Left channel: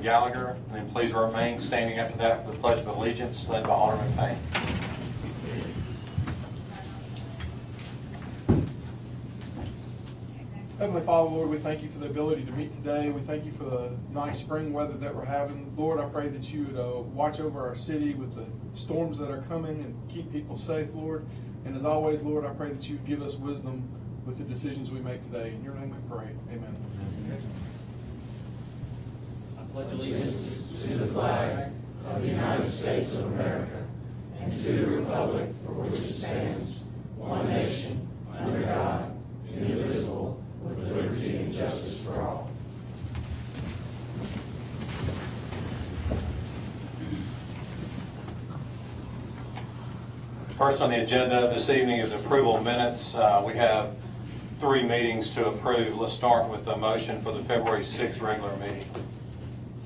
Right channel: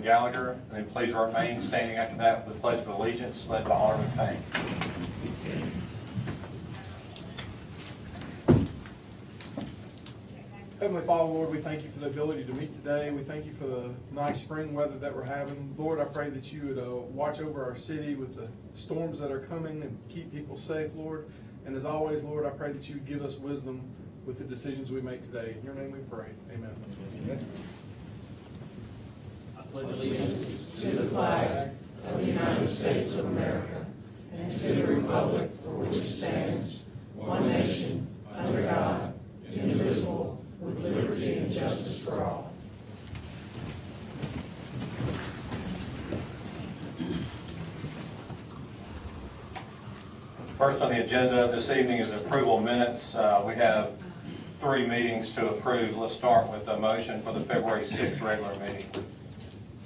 Gallagher, and then please remain standing after that for the Pledge of Allegiance, led by Alderman Payne. Heavenly Father, Lord, we thank you for the ability to meet today. We thank you for the nice spring weather that we're having. Lord, I pray that you would watch over our city with the storms that are coming and keep people safe, Lord. And as always, Lord, I pray that you would give us wisdom with the decisions we make today. In your name we pray. Amen. Amen. I pledge allegiance to the flag of the United States of America and to the republic for which it stands, one nation, under God, indivisible, with liberty and justice for all. First on the agenda this evening is approval of minutes. We have 3 meetings to approve. Let's start with a motion for the February 6th regular meeting.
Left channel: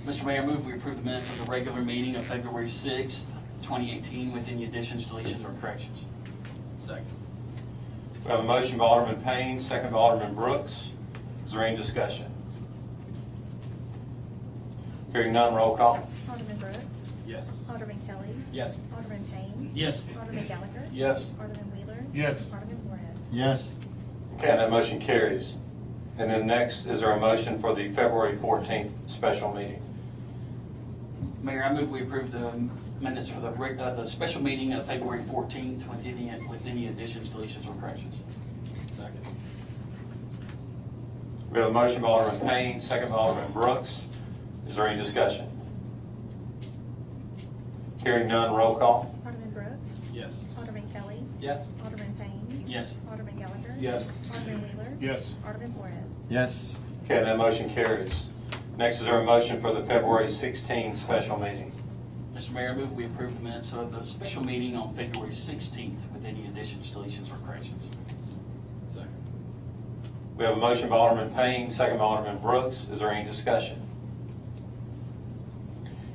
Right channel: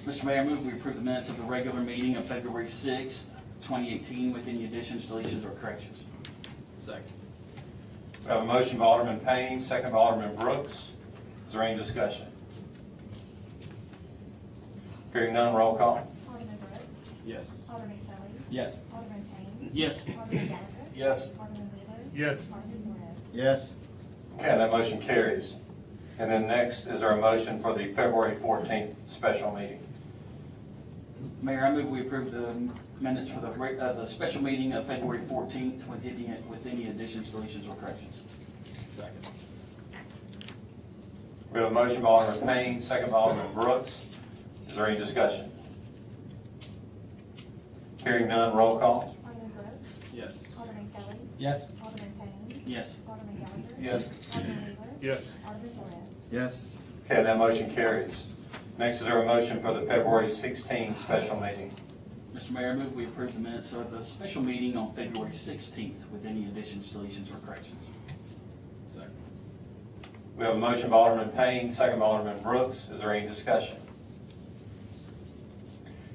Mr. Mayor, I move we approve the minutes of the regular meeting of February 6th, 2018 with any additions, deletions, or corrections. Second. We have a motion by Alderman Payne, second by Alderman Brooks. Is there any discussion? Hearing none, roll call. Alderman Brooks? Yes. Alderman Kelly? Yes. Alderman Payne? Yes. Alderman Gallagher? Yes. Alderman Wheeler? Yes. Alderman Flores? Yes. Okay, that motion carries. And then next is there a motion for the February 14th special meeting. Mayor, I move we approve the minutes for the special meeting of February 14th with any additions, deletions, or corrections. Second. We have a motion by Alderman Payne, second by Alderman Brooks. Is there any discussion? Hearing none, roll call. Alderman Brooks? Yes. Alderman Kelly? Yes. Alderman Payne? Yes. Alderman Gallagher? Yes. Alderman Wheeler? Yes. Alderman Flores? Yes. Okay, that motion carries. Next is there a motion for the February 16th special meeting. Mr. Mayor, I move we approve the minutes of the special meeting on February 16th with any additions, deletions, or corrections. Second. We have a motion by Alderman Payne, second by Alderman Brooks. Is there any discussion?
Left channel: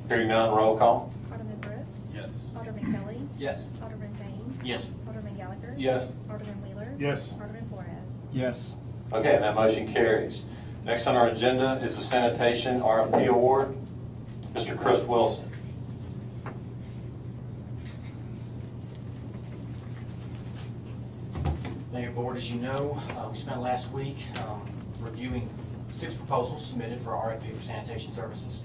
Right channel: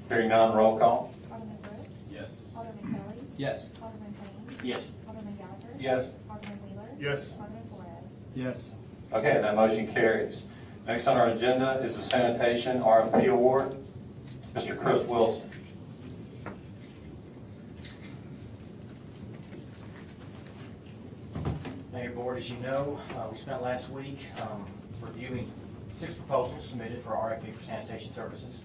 Hearing none, roll call. Alderman Brooks? Yes. Alderman Kelly? Yes. Alderman Payne? Yes. Alderman Gallagher? Yes. Alderman Wheeler? Yes. Alderman Flores? Yes. Okay, that motion carries. Next on our agenda is the sanitation RFP award. Mr. Chris Wilson. Mayor, Board, as you know, we spent last week reviewing 6 proposals submitted for RFP for sanitation services.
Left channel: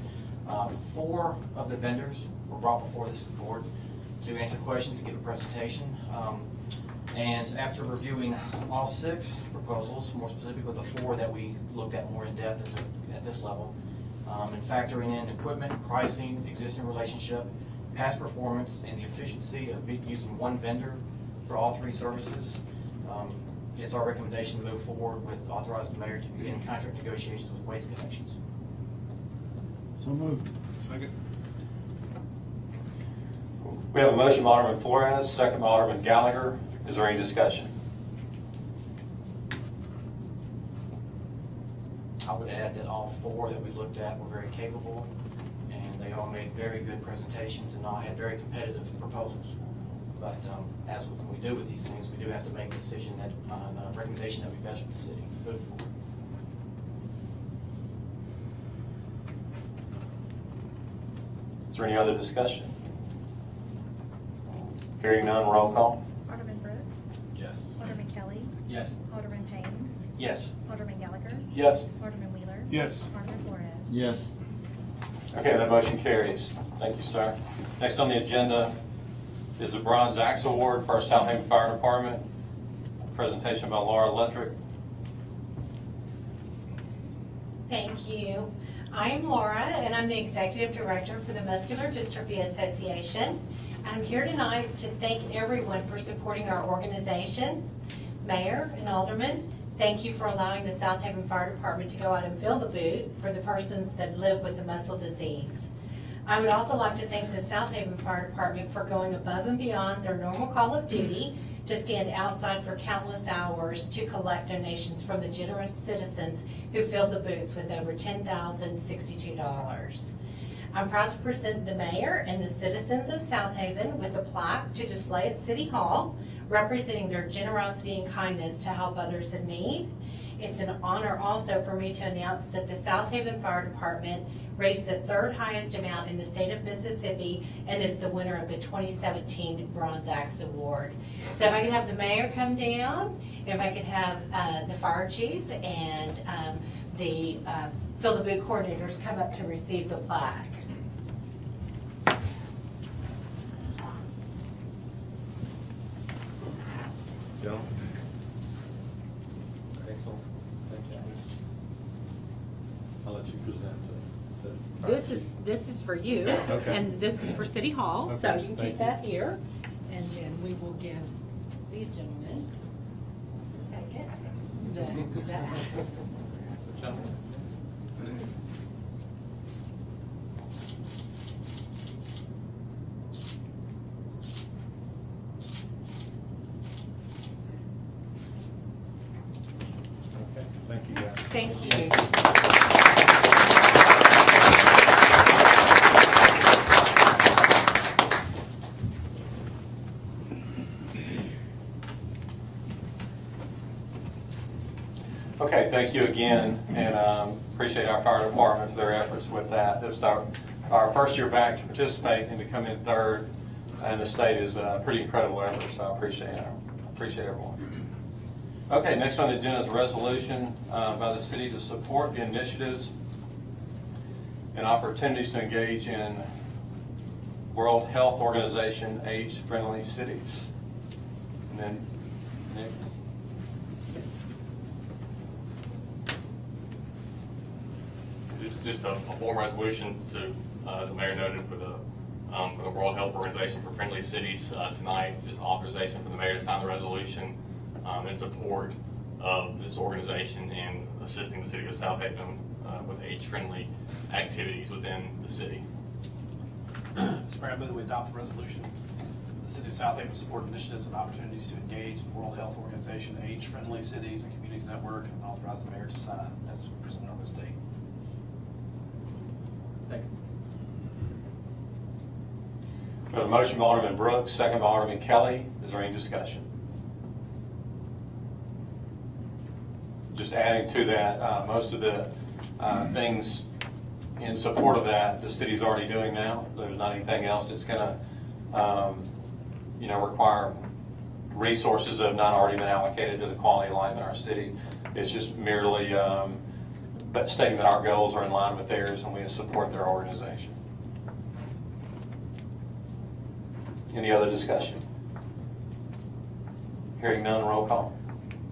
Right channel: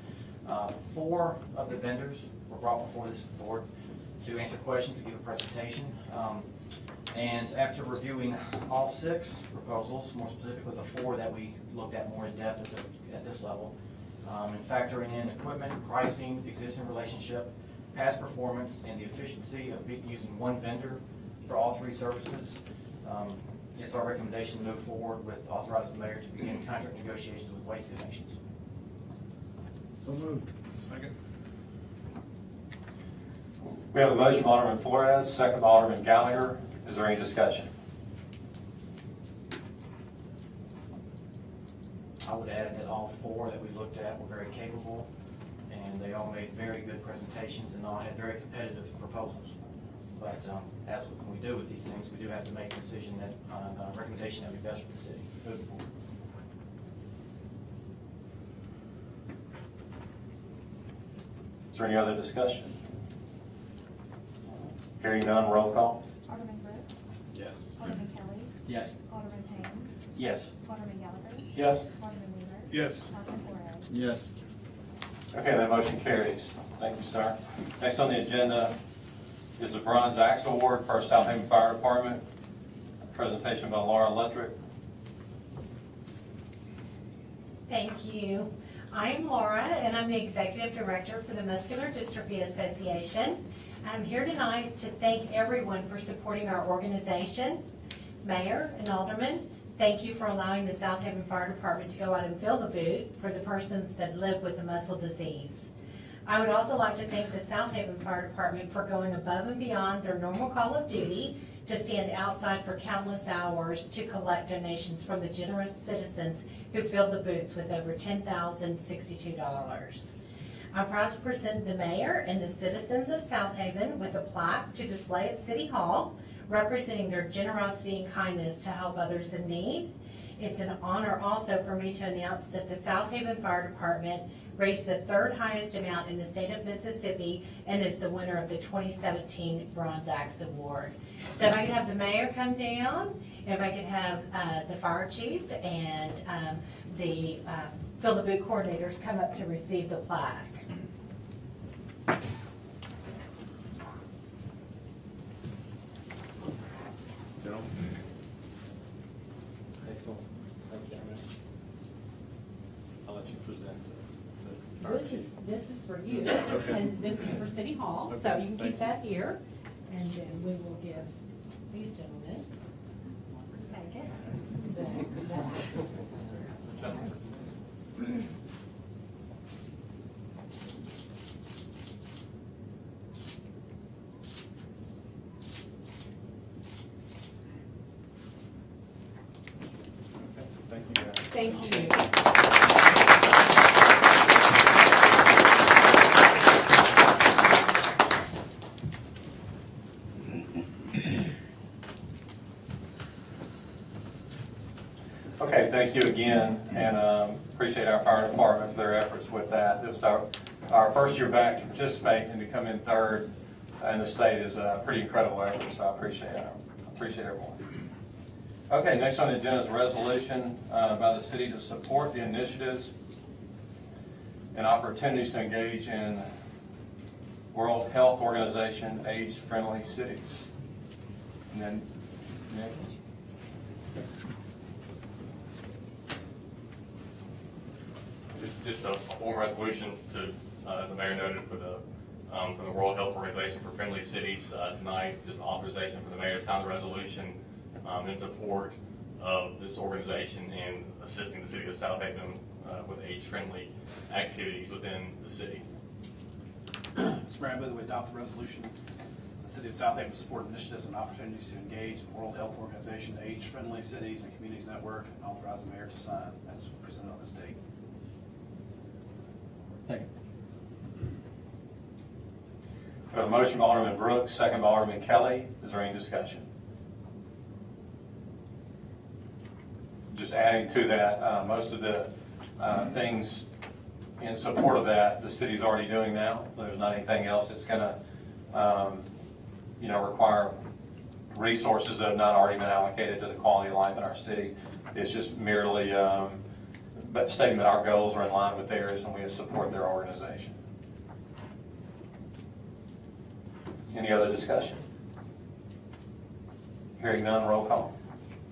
4 of the vendors were brought before this board to answer questions and give a presentation. And after reviewing all 6 proposals, more specifically the 4 that we looked at more in depth at this level, and factoring in equipment, pricing, existing relationship, past performance, and the efficiency of using one vendor for all 3 services, it's our recommendation to move forward with authorizing the mayor to begin contract negotiations with Waste Connections. So moved. Second. We have a motion by Alderman Flores, second by Alderman Gallagher. Is there any discussion? I would add that all 4 that we looked at were very capable, and they all made very good presentations and all had very competitive proposals. But as when we do with these things, we do have to make a decision that on a recommendation that would be best for the city moving forward. Is there any other discussion? Hearing none, roll call. Alderman Brooks? Yes. Alderman Kelly? Yes. Alderman Payne? Yes. Alderman Gallagher? Yes. Alderman Wheeler? Yes. Alderman Flores? Yes. Okay, that motion carries. Thank you, sir. Next on the agenda is the Bronze Axe Award for our Southaven Fire Department. A presentation by Laura Lettrick. Thank you. I am Laura, and I'm the Executive Director for the Muscular Dystrophy Association. I'm here tonight to thank everyone for supporting our organization. Mayor and Aldermen, thank you for allowing the Southaven Fire Department to go out and fill the boot for the persons that live with the muscle disease. I would also like to thank the Southaven Fire Department for going above and beyond their normal call of duty to stand outside for countless hours to collect donations from the generous citizens who filled the boots with over $10,062. I'm proud to present the mayor and the citizens of Southaven with a plaque to display at City Hall, representing their generosity and kindness to help others in need. It's an honor also for me to announce that the Southaven Fire Department raised the third highest amount in the state of Mississippi, and is the winner of the 2017 Bronze Axe Award. So if I could have the mayor come down, if I could have the fire chief and the Fill the Boot coordinators come up to receive the plaque. Joe? Excellent. Thank you. I'll let you present This is for you, Okay. and this is for City Hall, so Okay, you can thank keep you. that here, and then we will give these gentlemen, let's take it, the axes. Okay, thank you, guys. Thank you. Okay, thank you again, and appreciate our fire department for their efforts with that. This is our first year back to participate, and to come in third in the state is a pretty incredible effort, so I appreciate it. I appreciate everyone. Okay, next on the agenda is a resolution by the city to support the initiatives and opportunities to engage in World Health Organization age-friendly cities. And then, Nick? This is just a formal resolution to, as the mayor noted, for the World Health Organization for Friendly Cities tonight. Just authorization for the mayor to sign the resolution in support of this organization and assisting the city of Southaven with age-friendly activities within the city. Mr. Mayor, I move that we adopt the resolution. The City of Southaven support initiatives and opportunities to engage in World Health Organization age-friendly cities and communities network, and authorize the mayor to sign as presented on this date. Second. We have a motion by Alderman Brooks, second by Alderman Kelly. Is there any discussion? Just adding to that, most of the things in support of that, the city's already doing now. There's not anything else that's going to, require resources that have not already been allocated to the quality of life in our city. It's just merely but stating that our goals are in line with theirs and we support their organization. Any other discussion? Hearing none, roll call.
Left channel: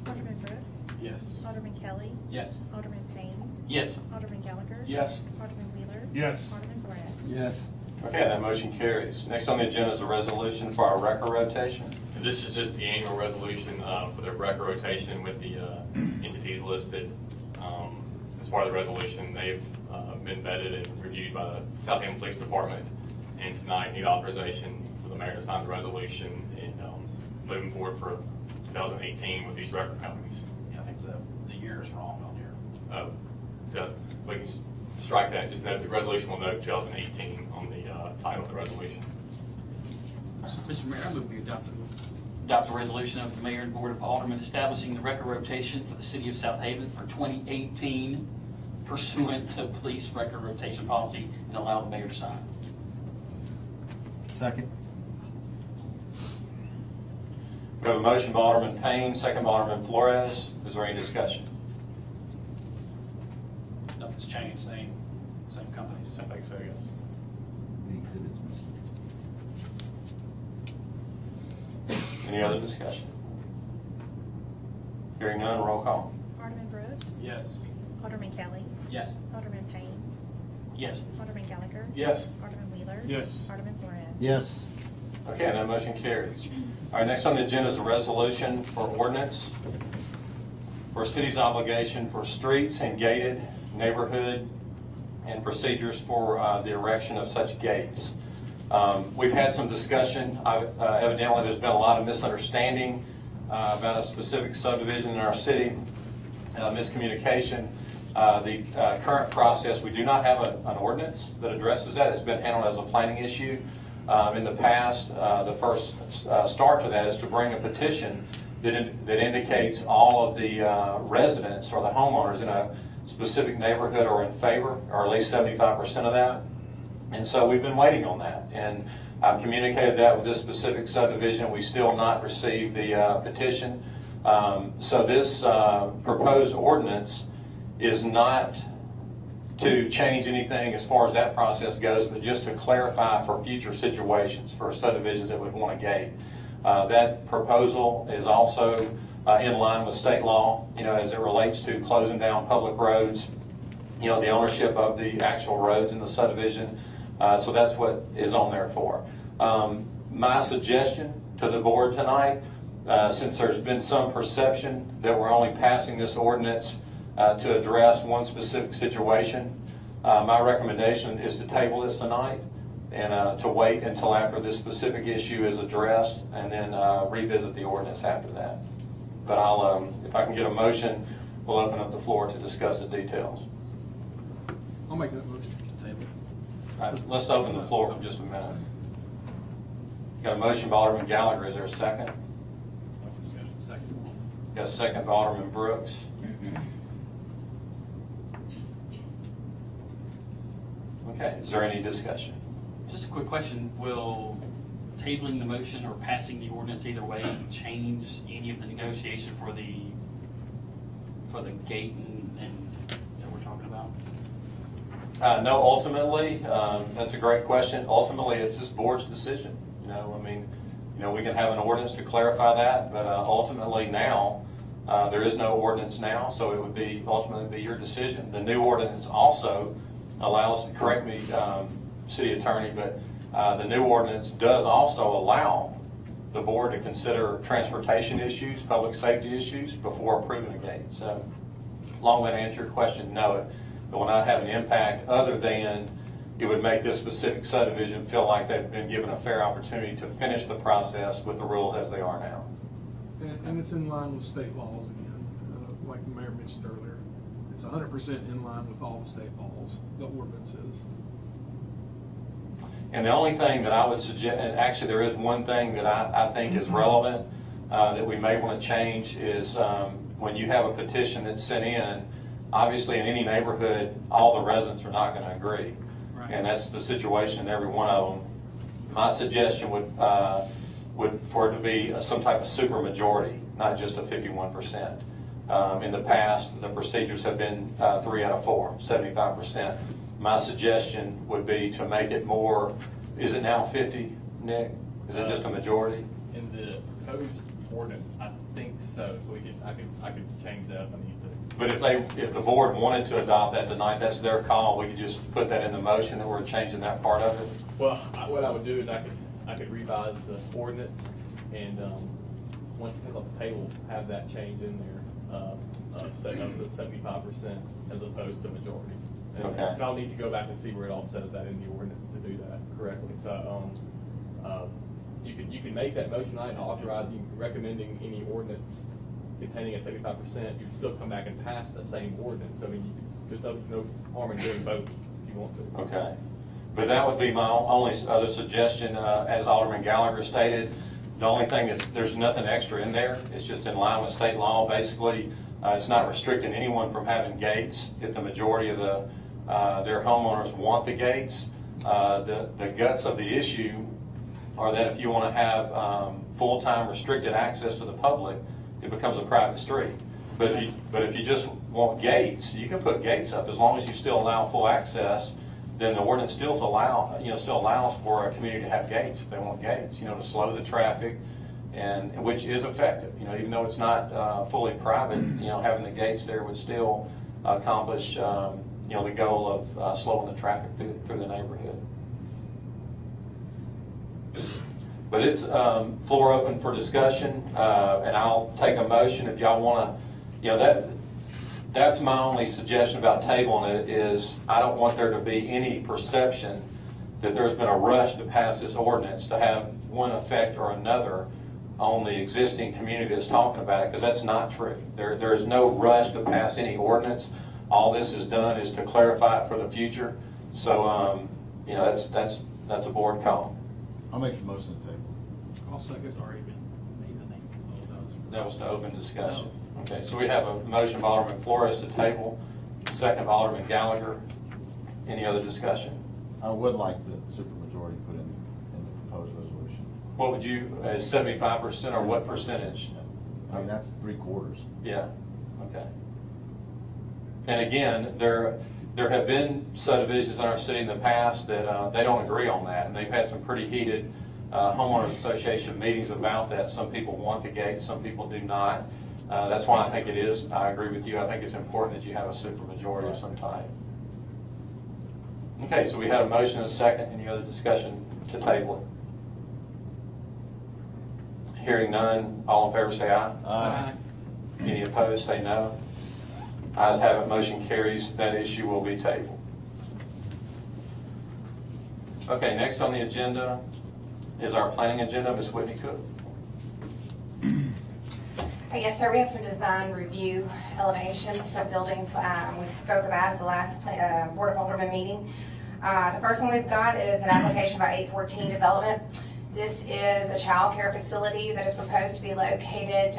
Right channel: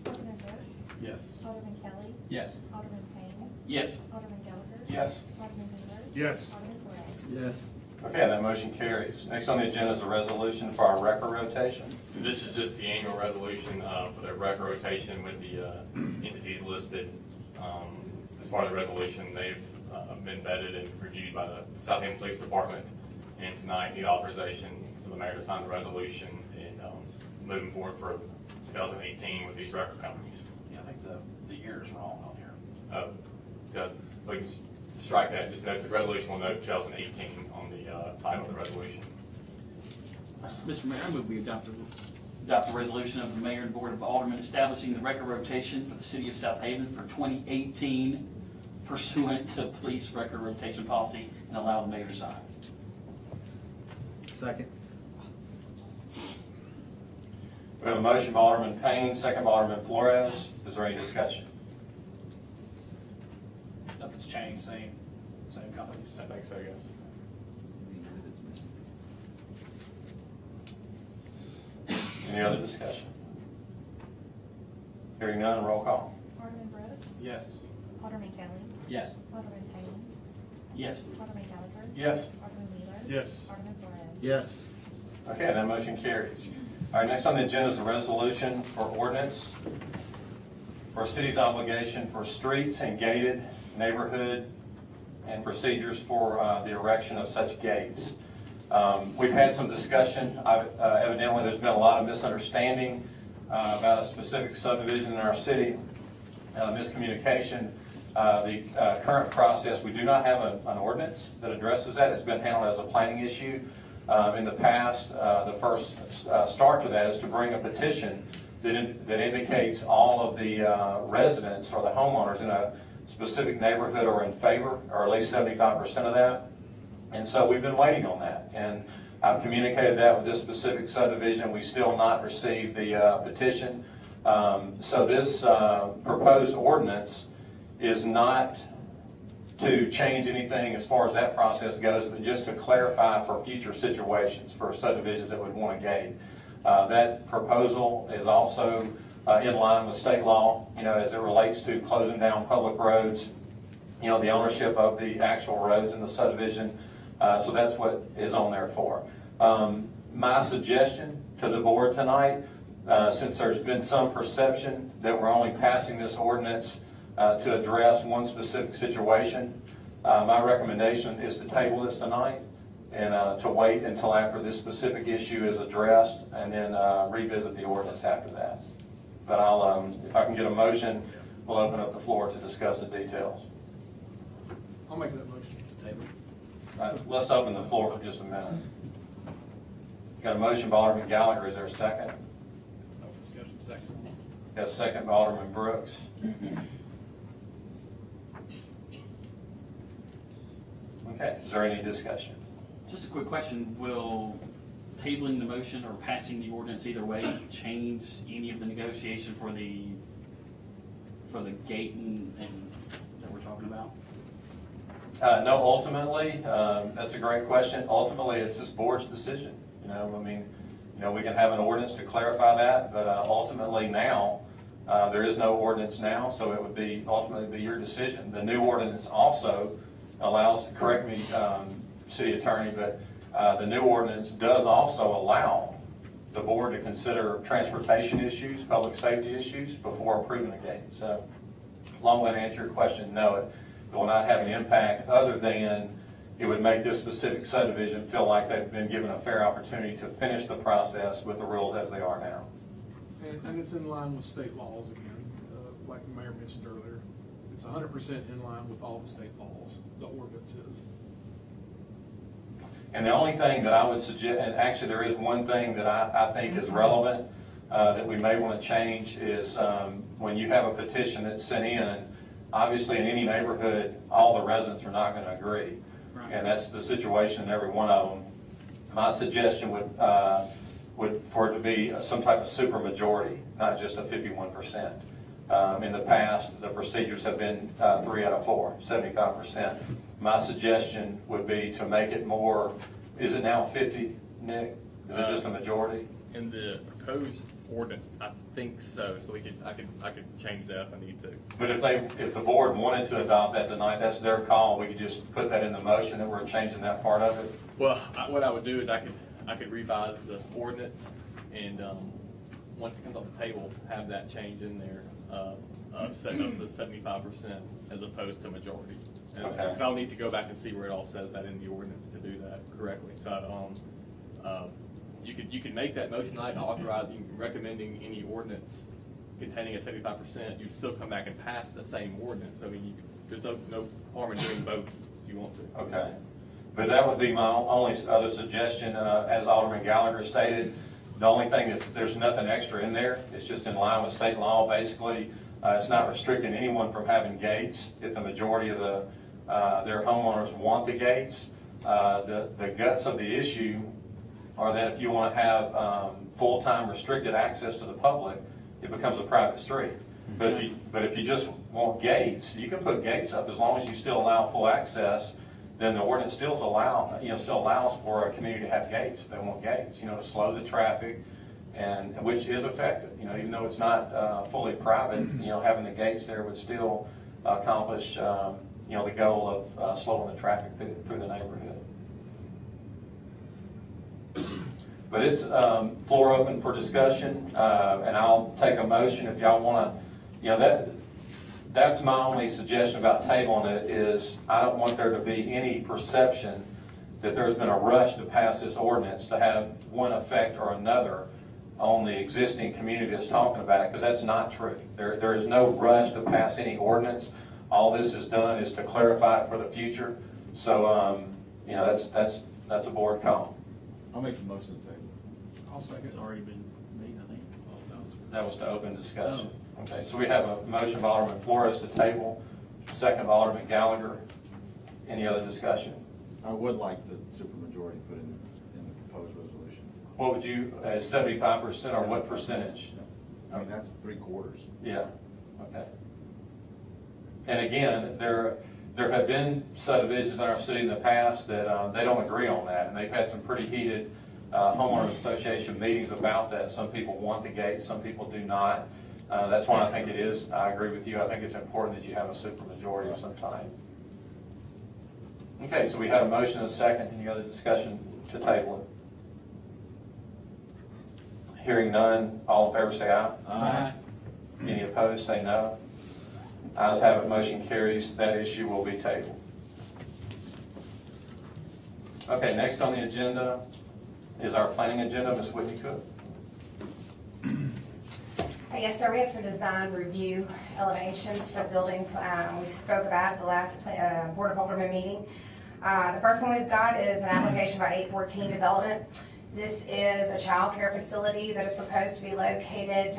Alderman Brooks. Yes. Alderman Kelly. Yes. Alderman Payne. Yes. Alderman Gallagher. Yes. Alderman Wheeler. Yes. Alderman Flores. Yes. Okay, that motion carries. Next on the agenda is a resolution for our record rotation. This is just the annual resolution for the record rotation with the entities listed. As part of the resolution, they've been vetted and reviewed by the Southaven Police Department, and tonight need authorization for the mayor to sign the resolution and moving forward for 2018 with these record companies. Yeah, I think the year is wrong on here. So we can strike that. Just note the resolution will note 2018 on the title of the resolution. Mr. Mayor, I move we adopt the resolution of the mayor and board of aldermen establishing the record rotation for the city of Southaven for 2018 pursuant to police record rotation policy, and allow the mayor to sign. Second. We have a motion by Alderman Payne, second by Alderman Flores. Is there any discussion? Nothing's changed, same companies. I think so, yes. The exhibit's missing. Any other discussion? Hearing none, roll call. Alderman Brooks. Yes. Alderman Kelly. Yes. Alderman Payne. Yes. Alderman Gallagher. Yes. Alderman Wheeler. Yes. Alderman Flores. Yes. Okay, that motion carries. All right, next on the agenda is a resolution for ordinance for a city's obligation for streets and gated neighborhood and procedures for the erection of such gates. We've had some discussion. Evidently, there's been a lot of misunderstanding about a specific subdivision in our city, miscommunication. The current process, we do not have an ordinance that addresses that. It's been handled as a planning issue. In the past, the first start to that is to bring a petition that indicates all of the residents or the homeowners in a specific neighborhood are in favor, or at least 75% of that. And so we've been waiting on that. And I've communicated that with this specific subdivision. We still not received the petition. So this proposed ordinance is not to change anything as far as that process goes, but just to clarify for future situations, for subdivisions that would want a gate. That proposal is also in line with state law, as it relates to closing down public roads, the ownership of the actual roads in the subdivision. So that's what is on there for. My suggestion to the board tonight, since there's been some perception that we're only passing this ordinance to address one specific situation, my recommendation is to table this tonight and to wait until after this specific issue is addressed, and then revisit the ordinance after that. But if I can get a motion, we'll open up the floor to discuss the details. I'll make that motion to table. All right, let's open the floor for just a minute. Got a motion by Alderman Gallagher. Is there a second? Discussion, second. Got a second by Alderman Brooks. Okay, is there any discussion? Just a quick question, will tabling the motion or passing the ordinance either way change any of the negotiation for the gate and that we're talking about? No, ultimately, that's a great question. Ultimately, it's this board's decision. We can have an ordinance to clarify that, but ultimately now, there is no ordinance now, so it would ultimately be your decision. The new ordinance also allows, correct me, City Attorney, but the new ordinance does also allow the board to consider transportation issues, public safety issues before approving a gate. So, long way to answer your question, no, it will not have an impact other than it would make this specific subdivision feel like they've been given a fair opportunity to finish the process with the rules as they are now. And it's in line with state laws again, like the mayor mentioned earlier. It's 100% in line with all the state laws, the ordinance is. And the only thing that I would suggest, and actually there is one thing that I think is relevant that we may want to change is when you have a petition that's sent in, obviously in any neighborhood, all the residents are not going to agree. Right. And that's the situation in every one of them. My suggestion would for it to be some type of super majority, not just a 51%. In the past, the procedures have been 3 out of 4, 75%. My suggestion would be to make it more, is it now 50, Nick? Is it just a majority? In the proposed ordinance, I think so. So I could change that if I need to. But if the board wanted to adopt that tonight, that's their call. We could just put that in the motion that we're changing that part of it. Well, what I would do is I could revise the ordinance and once it comes off the table, have that change in there of the 75% as opposed to majority. Okay. And I'll need to go back and see where it all says that in the ordinance to do that correctly. So you can make that motion tonight, authorizing, recommending any ordinance containing a 75%. You'd still come back and pass the same ordinance. I mean, there's no harm in doing both if you want to. Okay. But that would be my only other suggestion. As Alderman Gallagher stated, the only thing is there's nothing extra in there. It's just in line with state law. Basically, it's not restricting anyone from having gates. If the majority of their homeowners want the gates, the guts of the issue are that if you want to have full-time restricted access to the public, it becomes a private street. But if you just want gates, you can put gates up as long as you still allow full access. Then the ordinance still allows for a community to have gates if they want gates, to slow the traffic, and which is effective. Even though it's not fully private, having the gates there would still accomplish the goal of slowing the traffic through the neighborhood. But it's floor open for discussion, and I'll take a motion if y'all want to. That's my only suggestion about tabling it is I don't want there to be any perception that there's been a rush to pass this ordinance to have one effect or another on the existing community that's talking about it, because that's not true. There is no rush to pass any ordinance. All this is done is to clarify it for the future. So, that's a board call. I'll make the motion to table. I'll second. It's already been made, I think. That was to open discussion. Okay, so we have a motion by Alderman Flores to table. second by Alderman Gallagher. Any other discussion? I would like the supermajority put in the proposed resolution. What would you, 75% or what percentage? I mean, that's 3/4. Yeah, okay. And again, there have been subdivisions in our city in the past that they don't agree on that, and they've had some pretty heated homeowners association meetings about that. Some people want the gate, some people do not. That's why I think it is, I agree with you, I think it's important that you have a supermajority of some type. Okay, so we had a motion and a second. Any other discussion to table it? Hearing none, all in favor say aye. Aye. Any opposed, say no. Ayes have it, motion carries. That issue will be tabled. Okay, next on the agenda is our planning agenda. Ms. Whitney Cook. Yes, sir, we have some design review elevations for the buildings we spoke about at the last Board of Aldermen meeting. The first one we've got is an application by 814 Development. This is a child care facility that is proposed to be located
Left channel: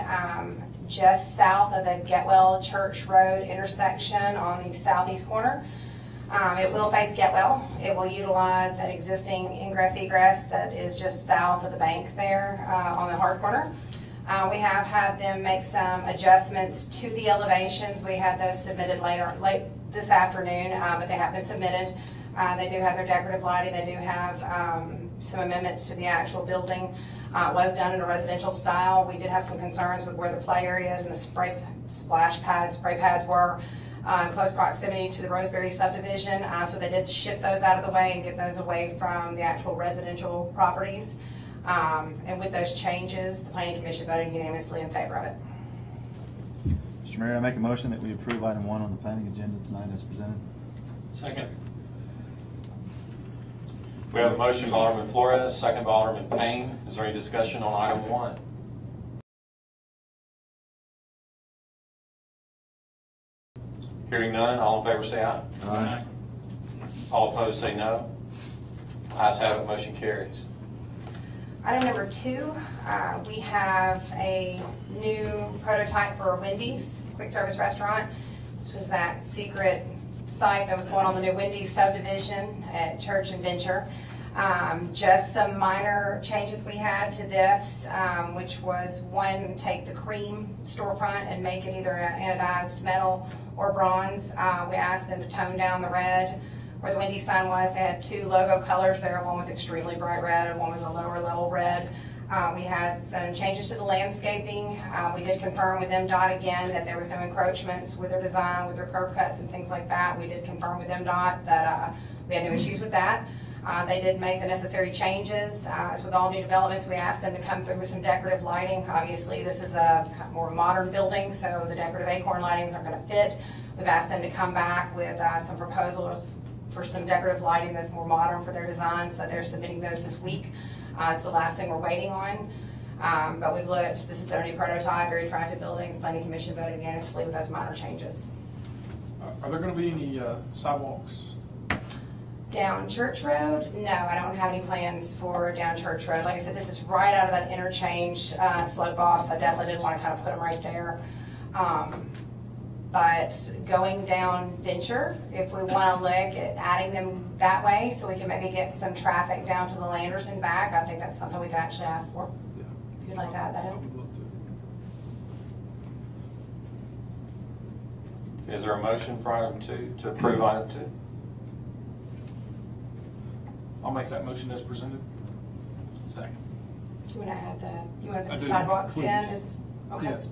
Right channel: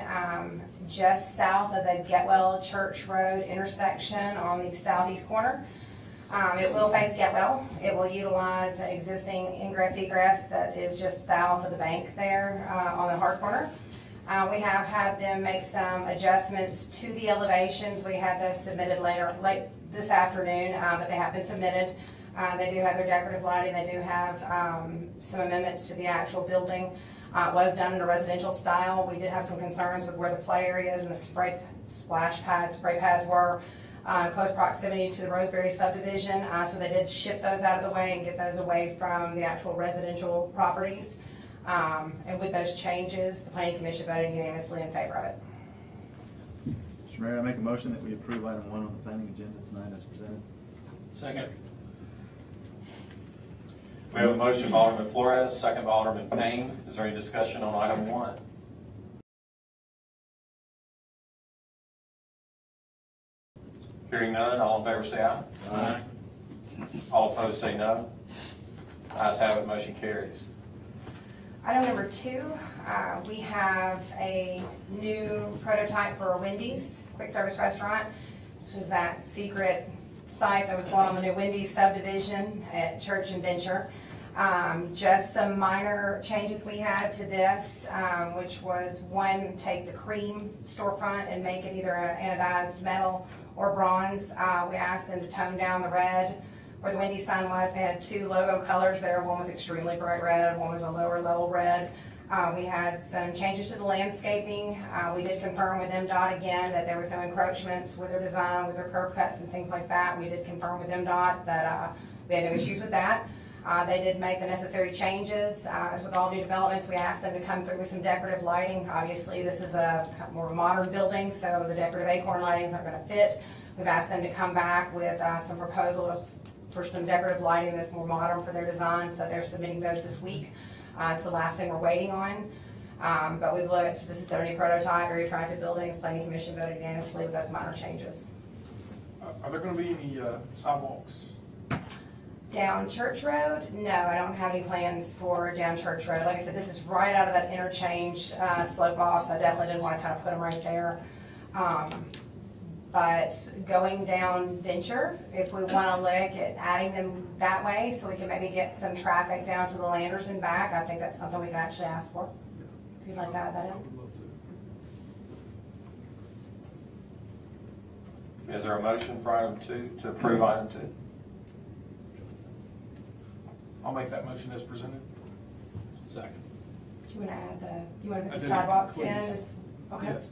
just south of the Getwell Church Road intersection on the southeast corner. It will face Getwell. It will utilize an existing ingress-egress that is just south of the bank there on the hard corner. We have had them make some adjustments to the elevations. We had those submitted late this afternoon, but they have been submitted. They do have their decorative lighting. They do have some amendments to the actual building. It was done in a residential style. We did have some concerns with where the play areas and the spray pads were in close proximity to the Roseberry subdivision. So they did ship those out of the way and get those away from the actual residential properties. And with those changes, the Planning Commission voted unanimously in favor of it. Mr. Mayor, I make a motion that we approve item 1 on the planning agenda tonight as presented. Second. We have a motion by Alderman Flores, second by Alderman Payne. Is there any discussion on item 1? Hearing none, all in favor say aye. Aye. All opposed say no. Ayes have it, motion carries. Item number 2, we have a new prototype for Wendy's quick service restaurant. This was that secret site that was going on the new Wendy's subdivision at Church and Venture. Just some minor changes we had to this, which was one, take the cream storefront and make it either an anodized metal or bronze. We asked them to tone down the red. Where the Wendy's sign was, they had 2 logo colors there. One was extremely bright red, and one was a lower level red. We had some changes to the landscaping. We did confirm with MDOT again that there was no encroachments with their design, with their curb cuts and things like that. We did confirm with MDOT that we had no issues with that. They did make the necessary changes. As with all new developments, we asked them to come through with some decorative lighting. Obviously, this is a more modern building, so the decorative acorn lightings aren't going to fit. We've asked them to come back with some proposals for some decorative lighting that's more modern for their design, so they're submitting those this week. It's the last thing we're waiting on. But we've looked, this is their new prototype, very attractive buildings. Planning Commission voted unanimously with those minor changes. Are there going to be any sidewalks? Down Church Road? No, I don't have any plans for down Church Road. Like I said, this is right out of that interchange slope off, so I definitely didn't want to kind of put them right there. But going down Venture, if we want to look at adding them that way so we can maybe get some traffic down to the Landers and back, I think that's something we can actually ask for. Yeah. If you'd like to add that in. Is there a motion for item 2 to approve item 2? I'll make that motion as presented. Second. Do you want to add you want to I put the do, sidewalks in? please. Okay. Yes,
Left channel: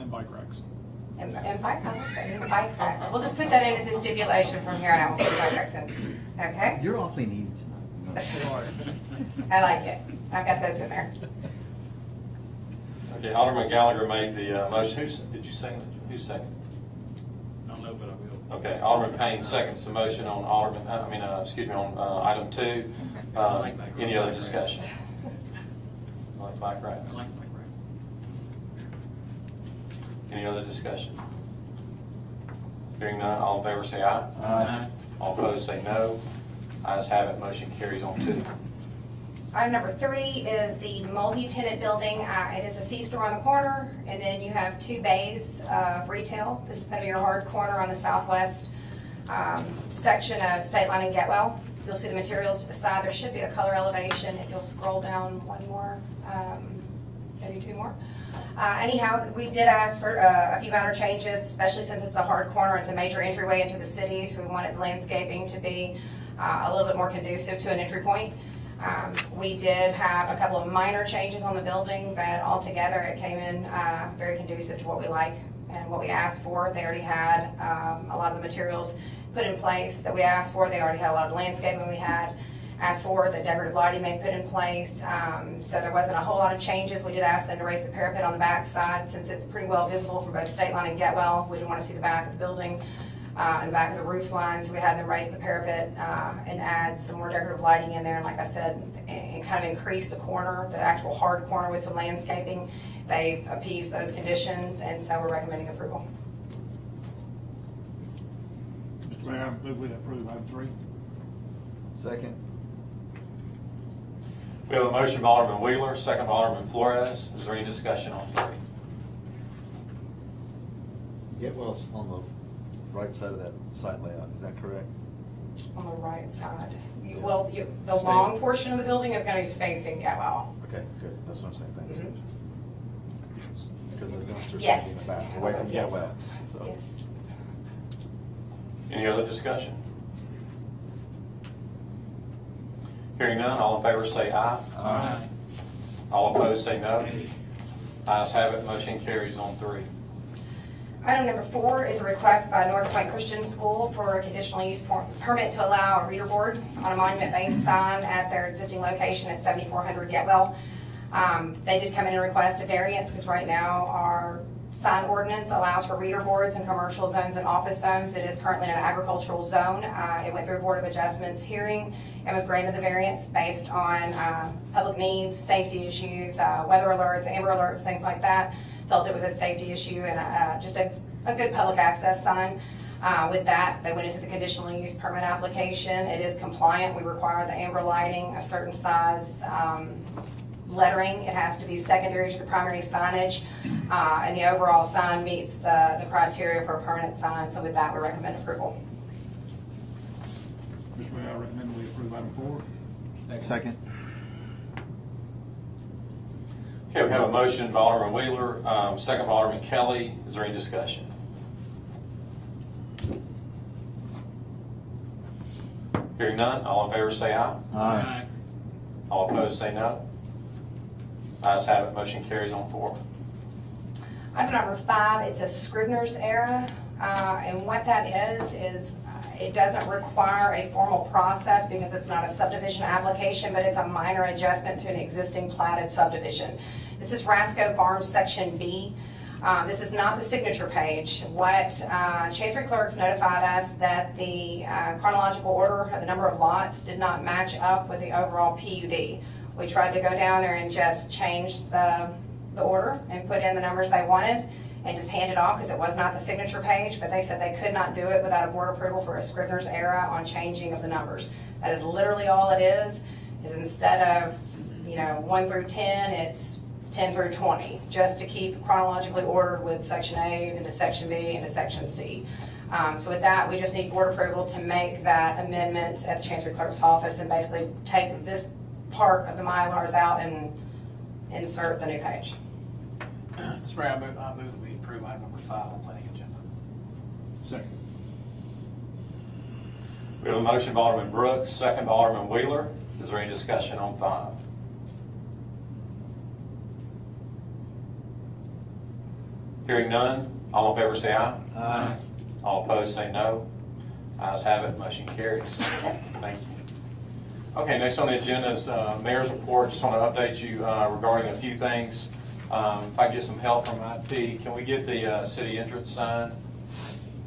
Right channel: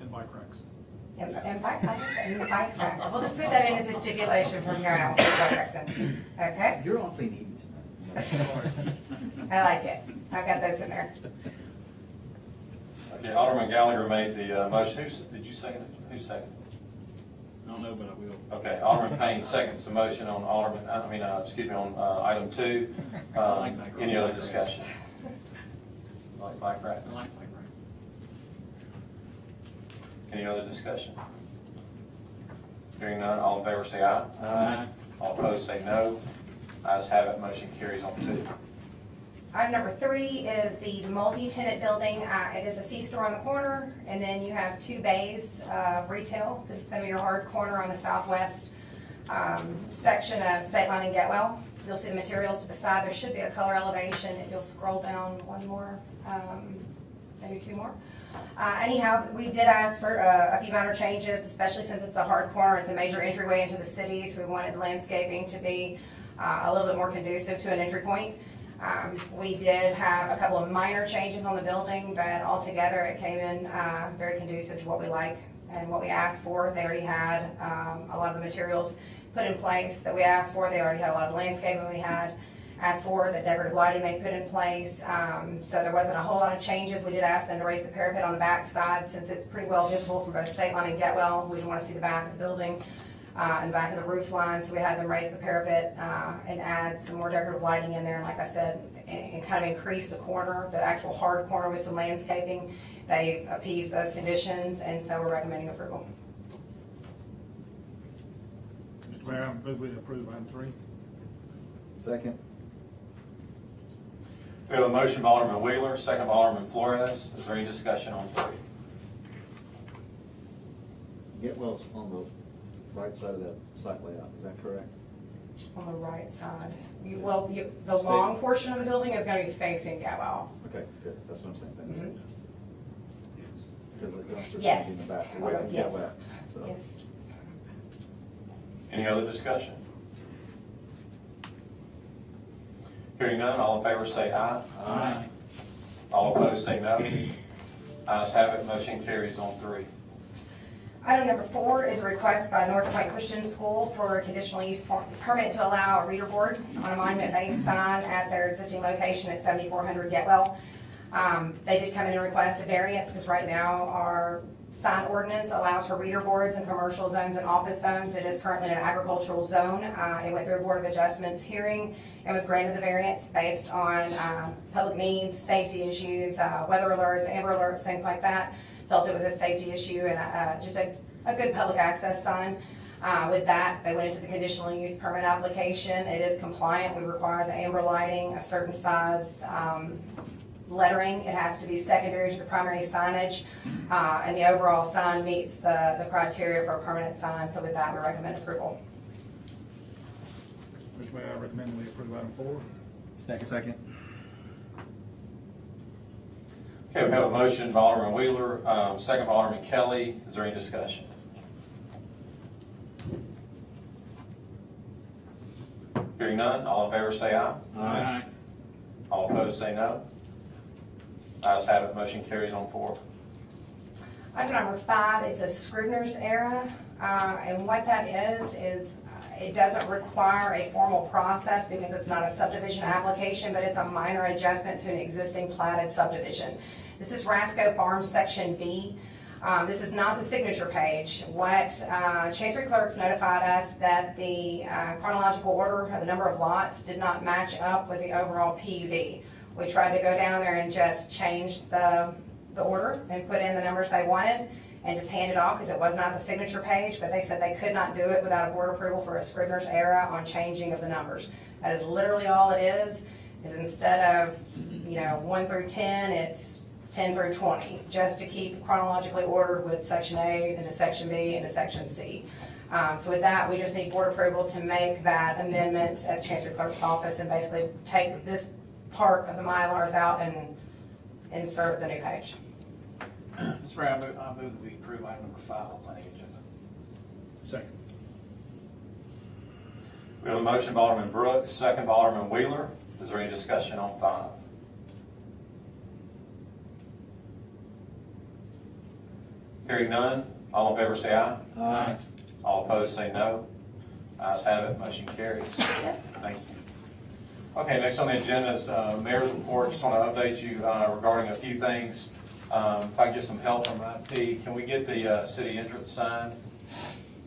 and bike racks. And bike racks. We'll just put that in as a stipulation from here on out. We'll put bike racks in. Okay? You're awfully needy tonight. I like it. I've got those in there. Okay, Alderman Gallagher made the motion. Did you second it? Who seconded? I don't know, but I will. Okay, Alderman Payne seconds the motion on on item 2. Any other discussion? Like bike racks? I like bike racks. Any other discussion? Hearing none, all in favor say aye. Aye. All opposed say no. Ayes have it, motion carries on 2. Item number 3 is the multi-tenant building. It is a C-store on the corner, and then you have 2 bays of retail. This is going to be your hard corner on the southwest section of State Line and Getwell. You'll see the materials to the side. There should be a color elevation. If you'll scroll down one more, maybe 2 more. Anyhow, we did ask for a few minor changes, especially since it's a hard corner. It's a major entryway into the city, so we wanted the landscaping to be a little bit more conducive to an entry point. We did have a couple of minor changes on the building, but altogether it came in very conducive to what we like and what we asked for. They already had a lot of the materials put in place that we asked for. They already had a lot of the landscaping we had asked for, the decorative lighting they put in place. So there wasn't a whole lot of changes. We did ask them to raise the parapet on the back side since it's pretty well visible for both State Line and Getwell. We didn't want to see the back of the building and the back of the roof line, so we had them raise the parapet and add some more decorative lighting in there. And like I said, and kind of increase the corner, the actual hard corner with some landscaping. They've appeased those conditions, and so we're recommending approval. Mr. Mayor, I move we approve item 3. Second. We have a motion by Alderman Wheeler, second by Alderman Flores. Is there any discussion on 3? Getwell's on the right side of that site layout, is that correct? On the right side. The long portion of the building is going to be facing Getwell. Okay, good, that's what I'm saying, thanks. Mhm. Because the dumpsters Yes. in the back, away from Yes. Getwell, so. Yes. Any other discussion? Hearing none, all in favor say aye. Aye. All opposed say no. Ayes have it, motion carries on 3. Item number 4 is a request by North Point Christian School for a conditional use permit to allow a reader board on a monument-based sign at their existing location at 7400 Getwell. They did come in and request a variance because right now our sign ordinance allows for reader boards in commercial zones and office zones. It is currently in an agricultural zone. It went through a Board of Adjustments hearing and was granted the variance based on public needs, safety issues, weather alerts, amber alerts, things like that. Felt it was a safety issue and just a good public access sign. With that, they went into the conditional use permit application. It is compliant. We require the amber lighting, a certain size lettering. It has to be secondary to the primary signage, and the overall sign meets the criteria for a permanent sign. So with that, we recommend approval. Mr. Mayor, I recommend we approve item 4. Second. Okay, we have a motion by Alderman Wheeler, second by Alderman Kelly. Is there any discussion? Hearing none, all in favor say aye. Aye. All opposed say no. Ayes have it, motion carries on 4. Item number 5, it's a Scrivener's error, and what that is it doesn't require a formal process because it's not a subdivision application, but it's a minor adjustment to an existing platted subdivision. This is Rasco Farms Section B. This is not the signature page. What Chancery Clerks notified us that the chronological order of the number of lots did not match up with the overall PUD. We tried to go down there and just change the order and put in the numbers they wanted and just hand it off because it was not the signature page, but they said they could not do it without a board approval for a Scrivener's error on changing of the numbers. That is literally all it is instead of 1 through 10, it's 10 through 20, just to keep chronologically ordered with Section A into Section B into Section C. So with that, we just need board approval to make that amendment at the Chancery Clerk's office and basically take this part of the Mylars out and insert the new page. Mr. Mayor, I move that we approve item number 5 on the planning agenda. Second. We have a motion by Alderman Brooks, second by Alderman Wheeler. Is there any discussion on 5? Hearing none, all in favor say aye. Aye. All opposed say no. Ayes have it, motion carries. Thank you. Okay, next on the agenda is Mayor's report. Just want to update you regarding a few things. If I can get some help from IT, can we get the city entrance sign?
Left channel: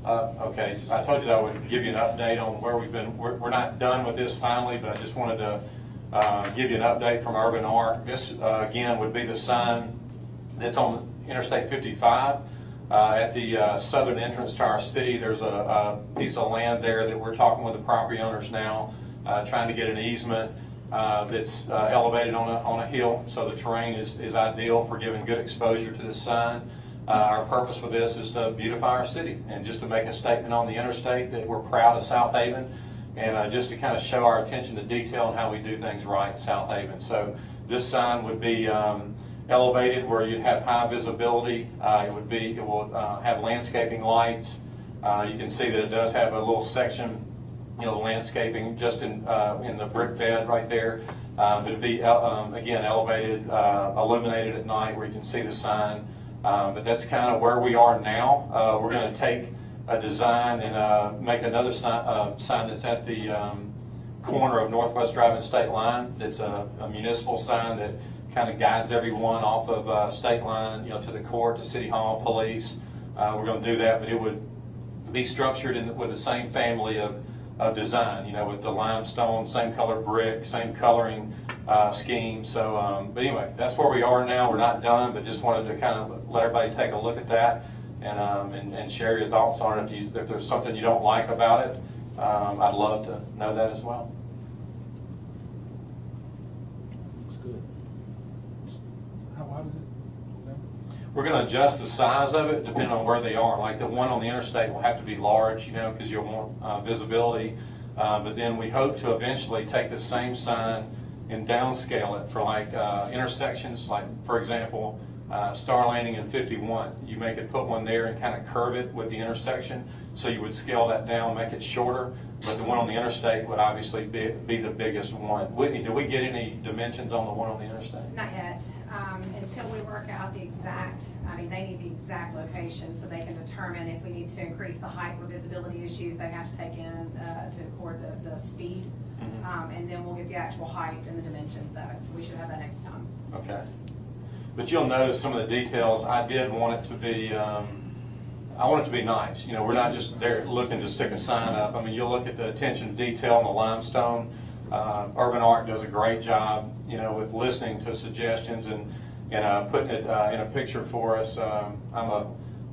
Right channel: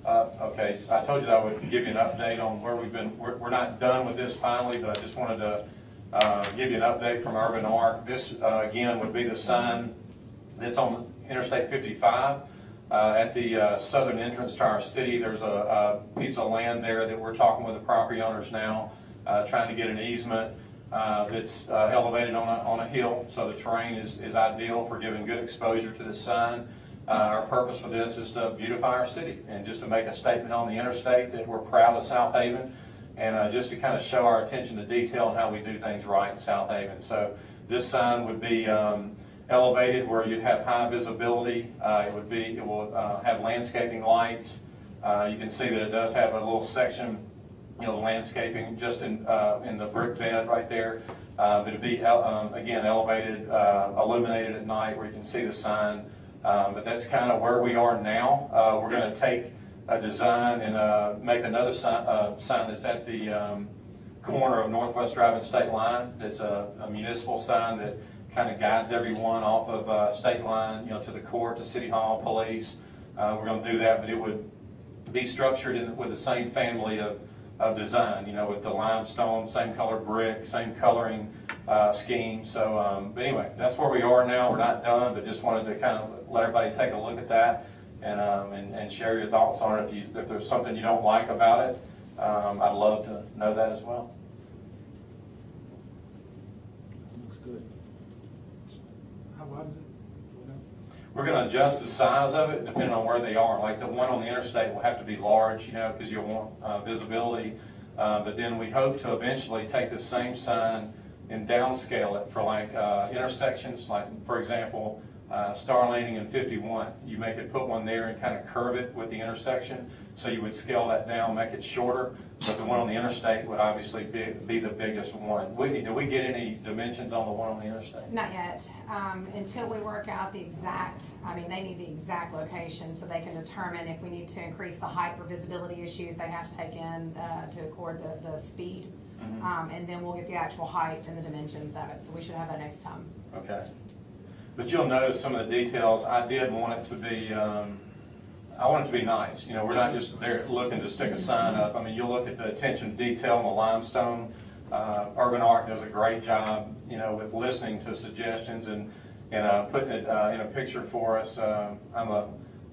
Okay, I told you that I would give you an update on where we've been. We're not done with this finally, but I just wanted to give you an update from Urban Arc. This, again, would be the sign that's on Interstate 55 at the southern entrance to our city. There's a piece of land there that we're talking with the property owners now, trying to get an easement It's elevated on a hill, so the terrain is ideal for giving good exposure to this sign. Our purpose with this is to beautify our city and just to make a statement on the interstate that we're proud of Southaven, and just to kind of show our attention to detail and how we do things right in Southaven. So this sign would be elevated where you'd have high visibility. It will have landscaping lights. You can see that it does have a little section, landscaping just in the brick bed right there. It'd be again elevated, illuminated at night where you can see the sign. But that's kind of where we are now. We're going to take a design and make another sign that's at the corner of Northwest Drive and State Line. That's a municipal sign that kind of guides everyone off of State Line, to the court, to City Hall, police. We're going to do that, but it would be structured with the same family of design, with the limestone, same color brick, same coloring scheme. So, but anyway, that's where we are now. We're not done, but just wanted to kind of let everybody take a look at that and share your thoughts on it. If there's something you don't like about it, I'd love to know that as well. Looks good. How wide is it? We're going to adjust the size of it depending on where they are. Like the one on the interstate will have to be large, because you'll want visibility. But then we hope to eventually take the same sign and downscale it for like intersections. Like, for example, Star Landing and 51. You make it, put one there and kind of curve it with the intersection. So you would scale that down, make it shorter. But the one on the interstate would obviously be the biggest one. Whitney, did we get any dimensions on the one on the interstate? Not yet. Until we work out the exact, they need the exact location so they can determine if we need to increase the height for visibility issues they have to take in to accord the speed. And then we'll get the actual height and the dimensions of it. So we should have that next time. Okay. But you'll notice some of the details. I did want it to be, I want it to be nice. We're not just there looking to stick a sign up. You'll look at the attention to detail in the limestone. Urban Art does a great job, with listening to suggestions and putting it in a picture for us. I'm a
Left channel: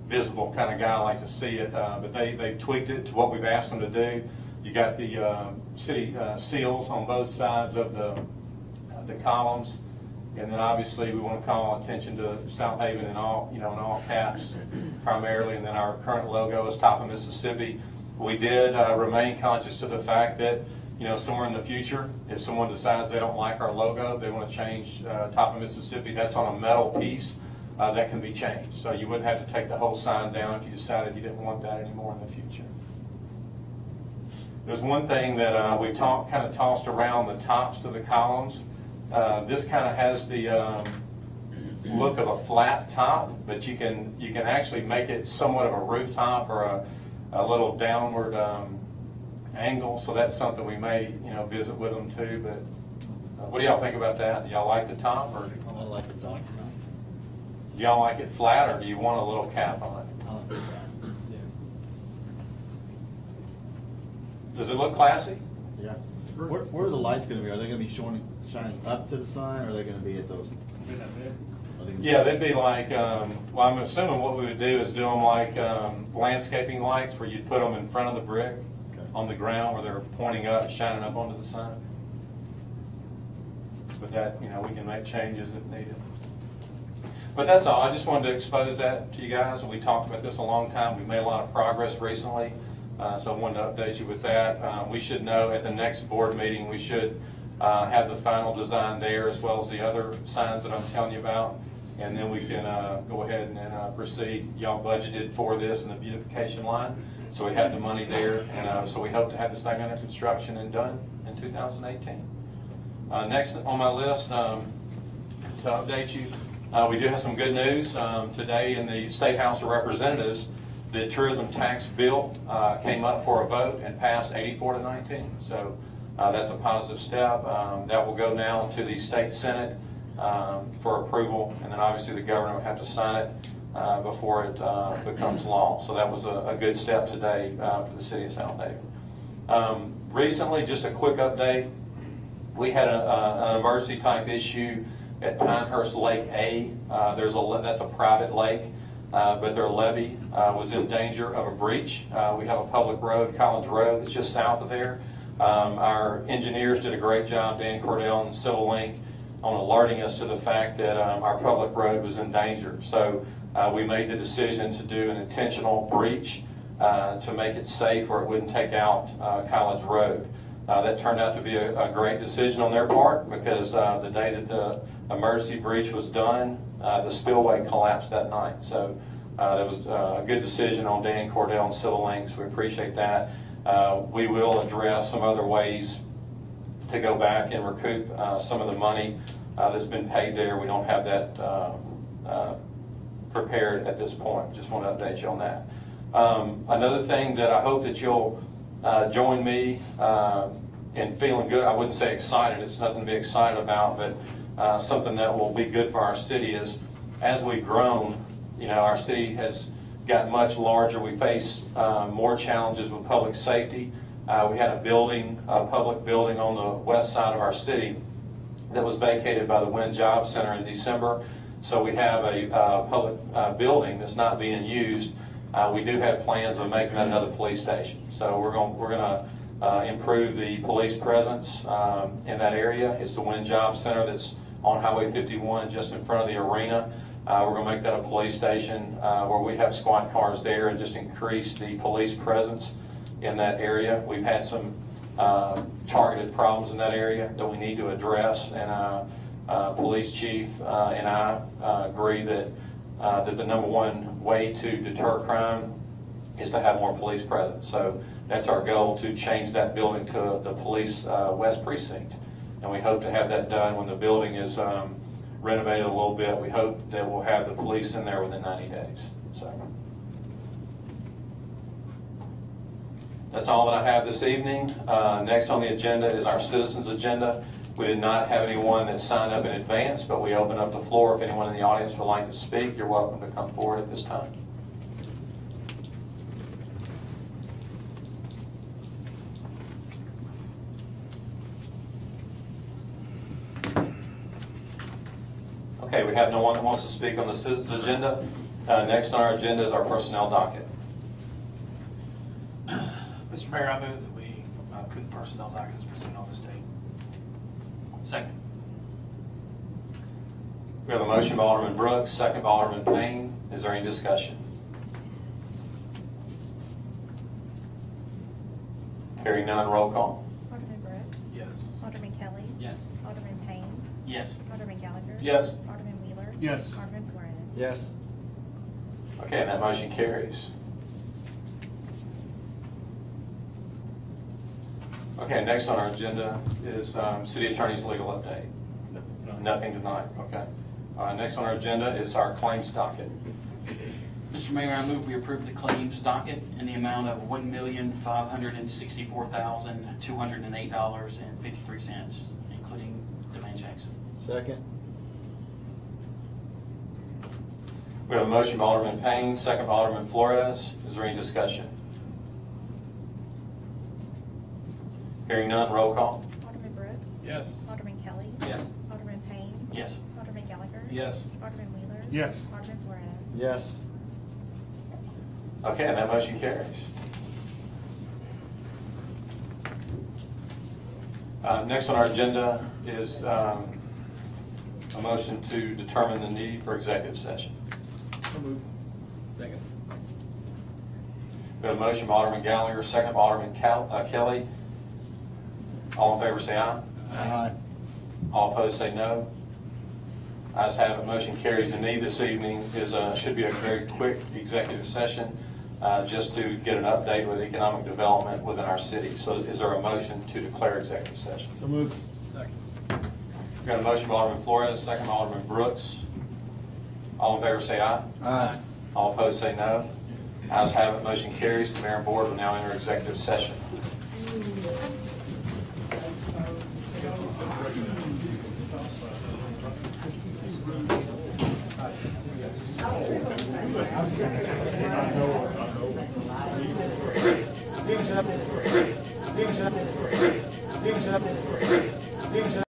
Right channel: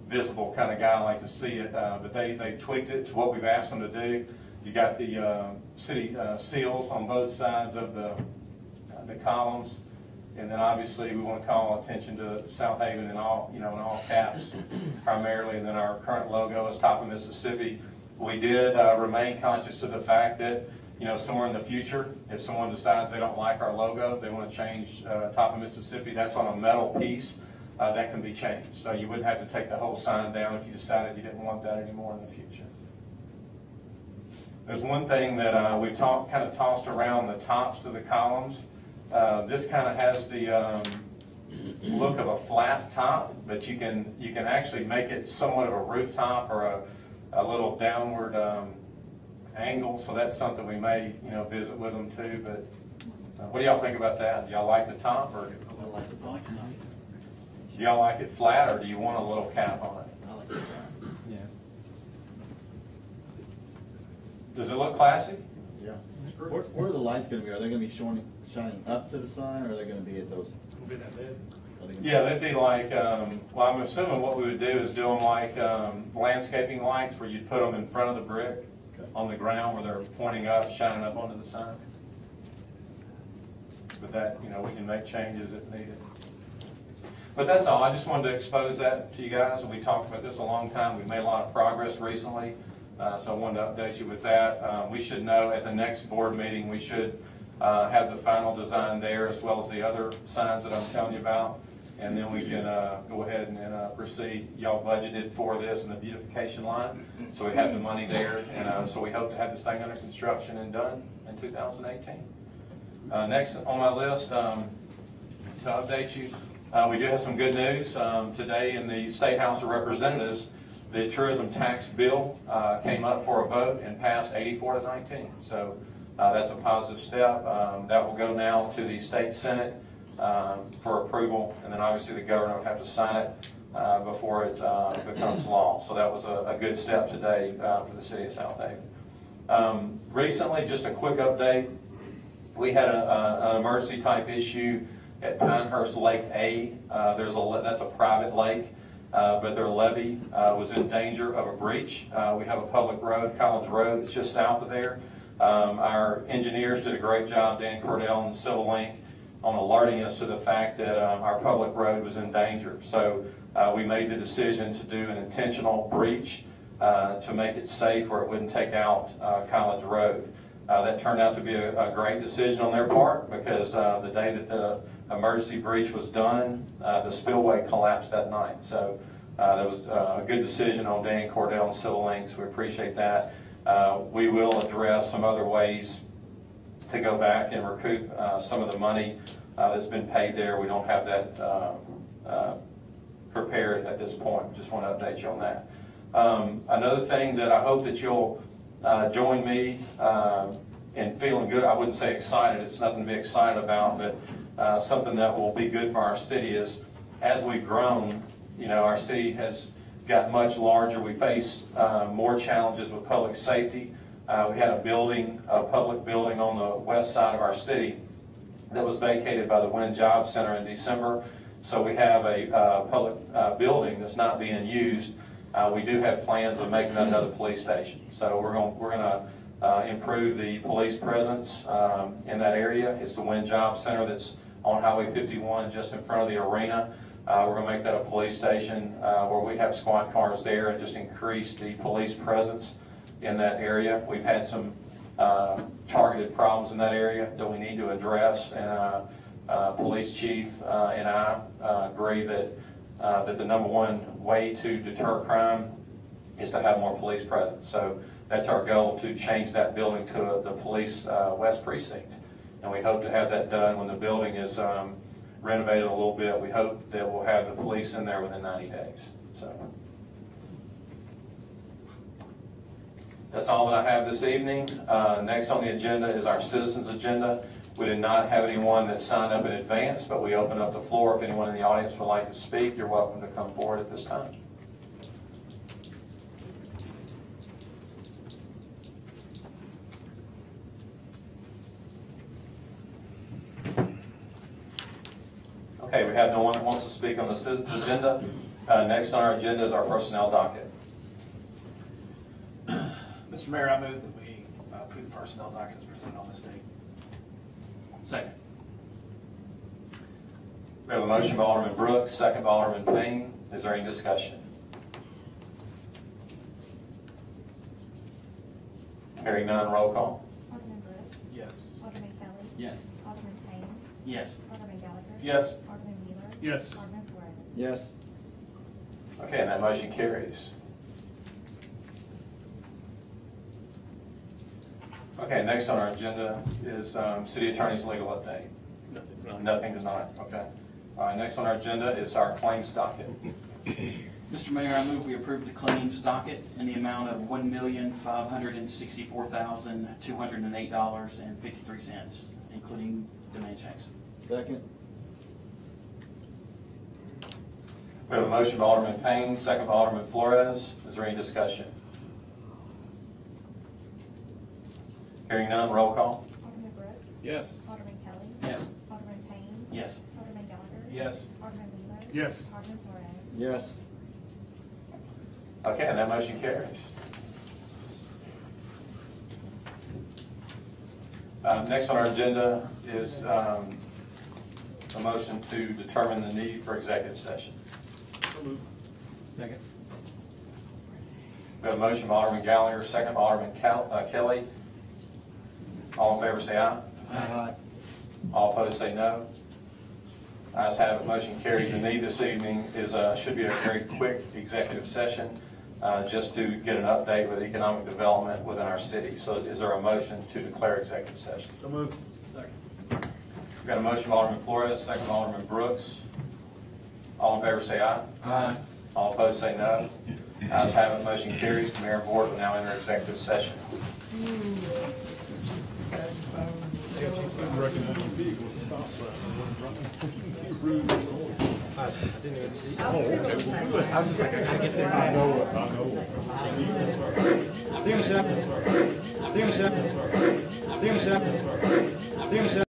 visible kind of guy. I like to see it, but they tweaked it to what we've asked them to do. You got the city seals on both sides of the columns. And then obviously we want to call attention to Southaven in all caps primarily. And then our current logo is Top of Mississippi. We did remain conscious to the fact that, somewhere in the future, if someone decides they don't like our logo, they want to change Top of Mississippi, that's on a metal piece that can be changed. So you wouldn't have to take the whole sign down if you decided you didn't want that anymore in the future. There's one thing that we kind of tossed around the tops to the columns. This kind of has the look of a flat top, but you can actually make it somewhat of a rooftop or a little downward angle. So that's something we may visit with them too. But what do y'all think about that? Do y'all like the top, or I like the top. do y'all like it flat, or do you want a little cap on it? I like the flat. Yeah. Does it look classy? Yeah. Where are the lights going to be? Are they going to be shining up to the sign, or are they going to be at those? Be that bad? Yeah, they'd be like, well, I'm assuming what we would do is do them like landscaping lights where you'd put them in front of the brick on the ground where they're pointing up, shining up onto the sign. But that, we can make changes if needed. But that's all. I just wanted to expose that to you guys. We talked about this a long time. We made a lot of progress recently, so I wanted to update you with that. We should know at the next board meeting, we should have the final design there as well as the other signs that I'm telling you about. And then we can go ahead and proceed. Y'all budgeted for this in the beautification line, so we have the money there. And so we hope to have this thing under construction and done in 2018. Next on my list, to update you, we do have some good news. Today in the State House of Representatives, the tourism tax bill came up for a vote and passed 84-19. So that's a positive step. That will go now to the State Senate for approval, and then obviously the governor will have to sign it before it becomes law. So that was a good step today for the city of Southaven. Recently, just a quick update, we had an emergency type issue at Pinehurst Lake A. That's a private lake, but their levee was in danger of a breach. We have a public road, Collins Road, that's just south of there. Our engineers did a great job, Dan Cordell and Civil Link, on alerting us to the fact that our public road was in danger. So we made the decision to do an intentional breach to make it safe where it wouldn't take out College Road. That turned out to be a great decision on their part, because the day that the emergency breach was done, the spillway collapsed that night. So that was a good decision on Dan Cordell and Civil Links. We appreciate that. We will address some other ways to go back and recoup some of the money that's been paid there. We don't have that prepared at this point. Just want to update you on that. Another thing that I hope that you'll join me in feeling good. I wouldn't say excited. It's nothing to be excited about, but something that will be good for our city is, as we've grown, you know, our city has got much larger. We face more challenges with public safety. We had a public building on the west side of our city that was vacated by the Wynn Job Center in December. So we have a public building that's not being used. We do have plans of making that another police station. So we're going to improve the police presence in that area. It's the Wynn Job Center that's on Highway 51, just in front of the arena. We're going to make that a police station where we have squad cars there and just increase the police presence in that area. We've had some targeted problems in that area that we need to address, and police chief and I agree that the number one way to deter crime is to have more police presence. So that's our goal, to change that building to the police west precinct, and we hope to have that done when the building is renovated a little bit. We hope that we'll have the police in there within 90 days. So that's all that I have this evening. Next on the agenda is our citizens agenda. We did not have anyone that signed up in advance, but we open up the floor. If anyone in the audience would like to speak, you're welcome to come forward at this time. Okay, we have no one that wants to speak on the citizens agenda. Next on our agenda is our personnel docket. Mr. Mayor, I move that we approve the personnel docket as presented on this date. Second. We have a motion by Alderman Brooks, second by Alderman Payne. Is there any discussion? Hearing none, roll call. Alderman Brooks. Yes. Alderman Kelly. Yes. Alderman Payne. Yes. Alderman Gallagher. Yes. Alderman Wheeler. Yes. Alderman Flores. Yes. Okay, and that motion carries. Okay, next on our agenda is City Attorney's legal update. Nothing tonight, okay. Next on our agenda is our claims docket. Mr. Mayor, I move we approve the claims docket in the amount of $1,564,208.53, including demand checks. Second. We have a motion by Alderman Payne, second by Alderman Flores. Is there any discussion? Hearing none, roll call. Alderman Brooks. Yes. Alderman Kelly. Yes. Alderman Payne. Yes. Alderman Gallagher. Yes. Alderman Wheeler. Yes. Alderman Flores. Yes. Okay, and that motion carries. Next on our agenda is a motion to determine the need for executive session. Second. We have a motion by Alderman Gallagher, second by Alderman Kelly. All in favor say aye. Aye. All opposed say no. Ayes have it, motion carries. The need this evening is should be a very quick executive session just to get an update with economic development within our city. So is there a motion to declare executive session? So moved. Second. We've got a motion by Alderman Flores, second by Alderman Brooks. All in favor say aye. Aye. All opposed say no. Ayes have it, motion carries. The mayor and board will now enter executive session. Steve,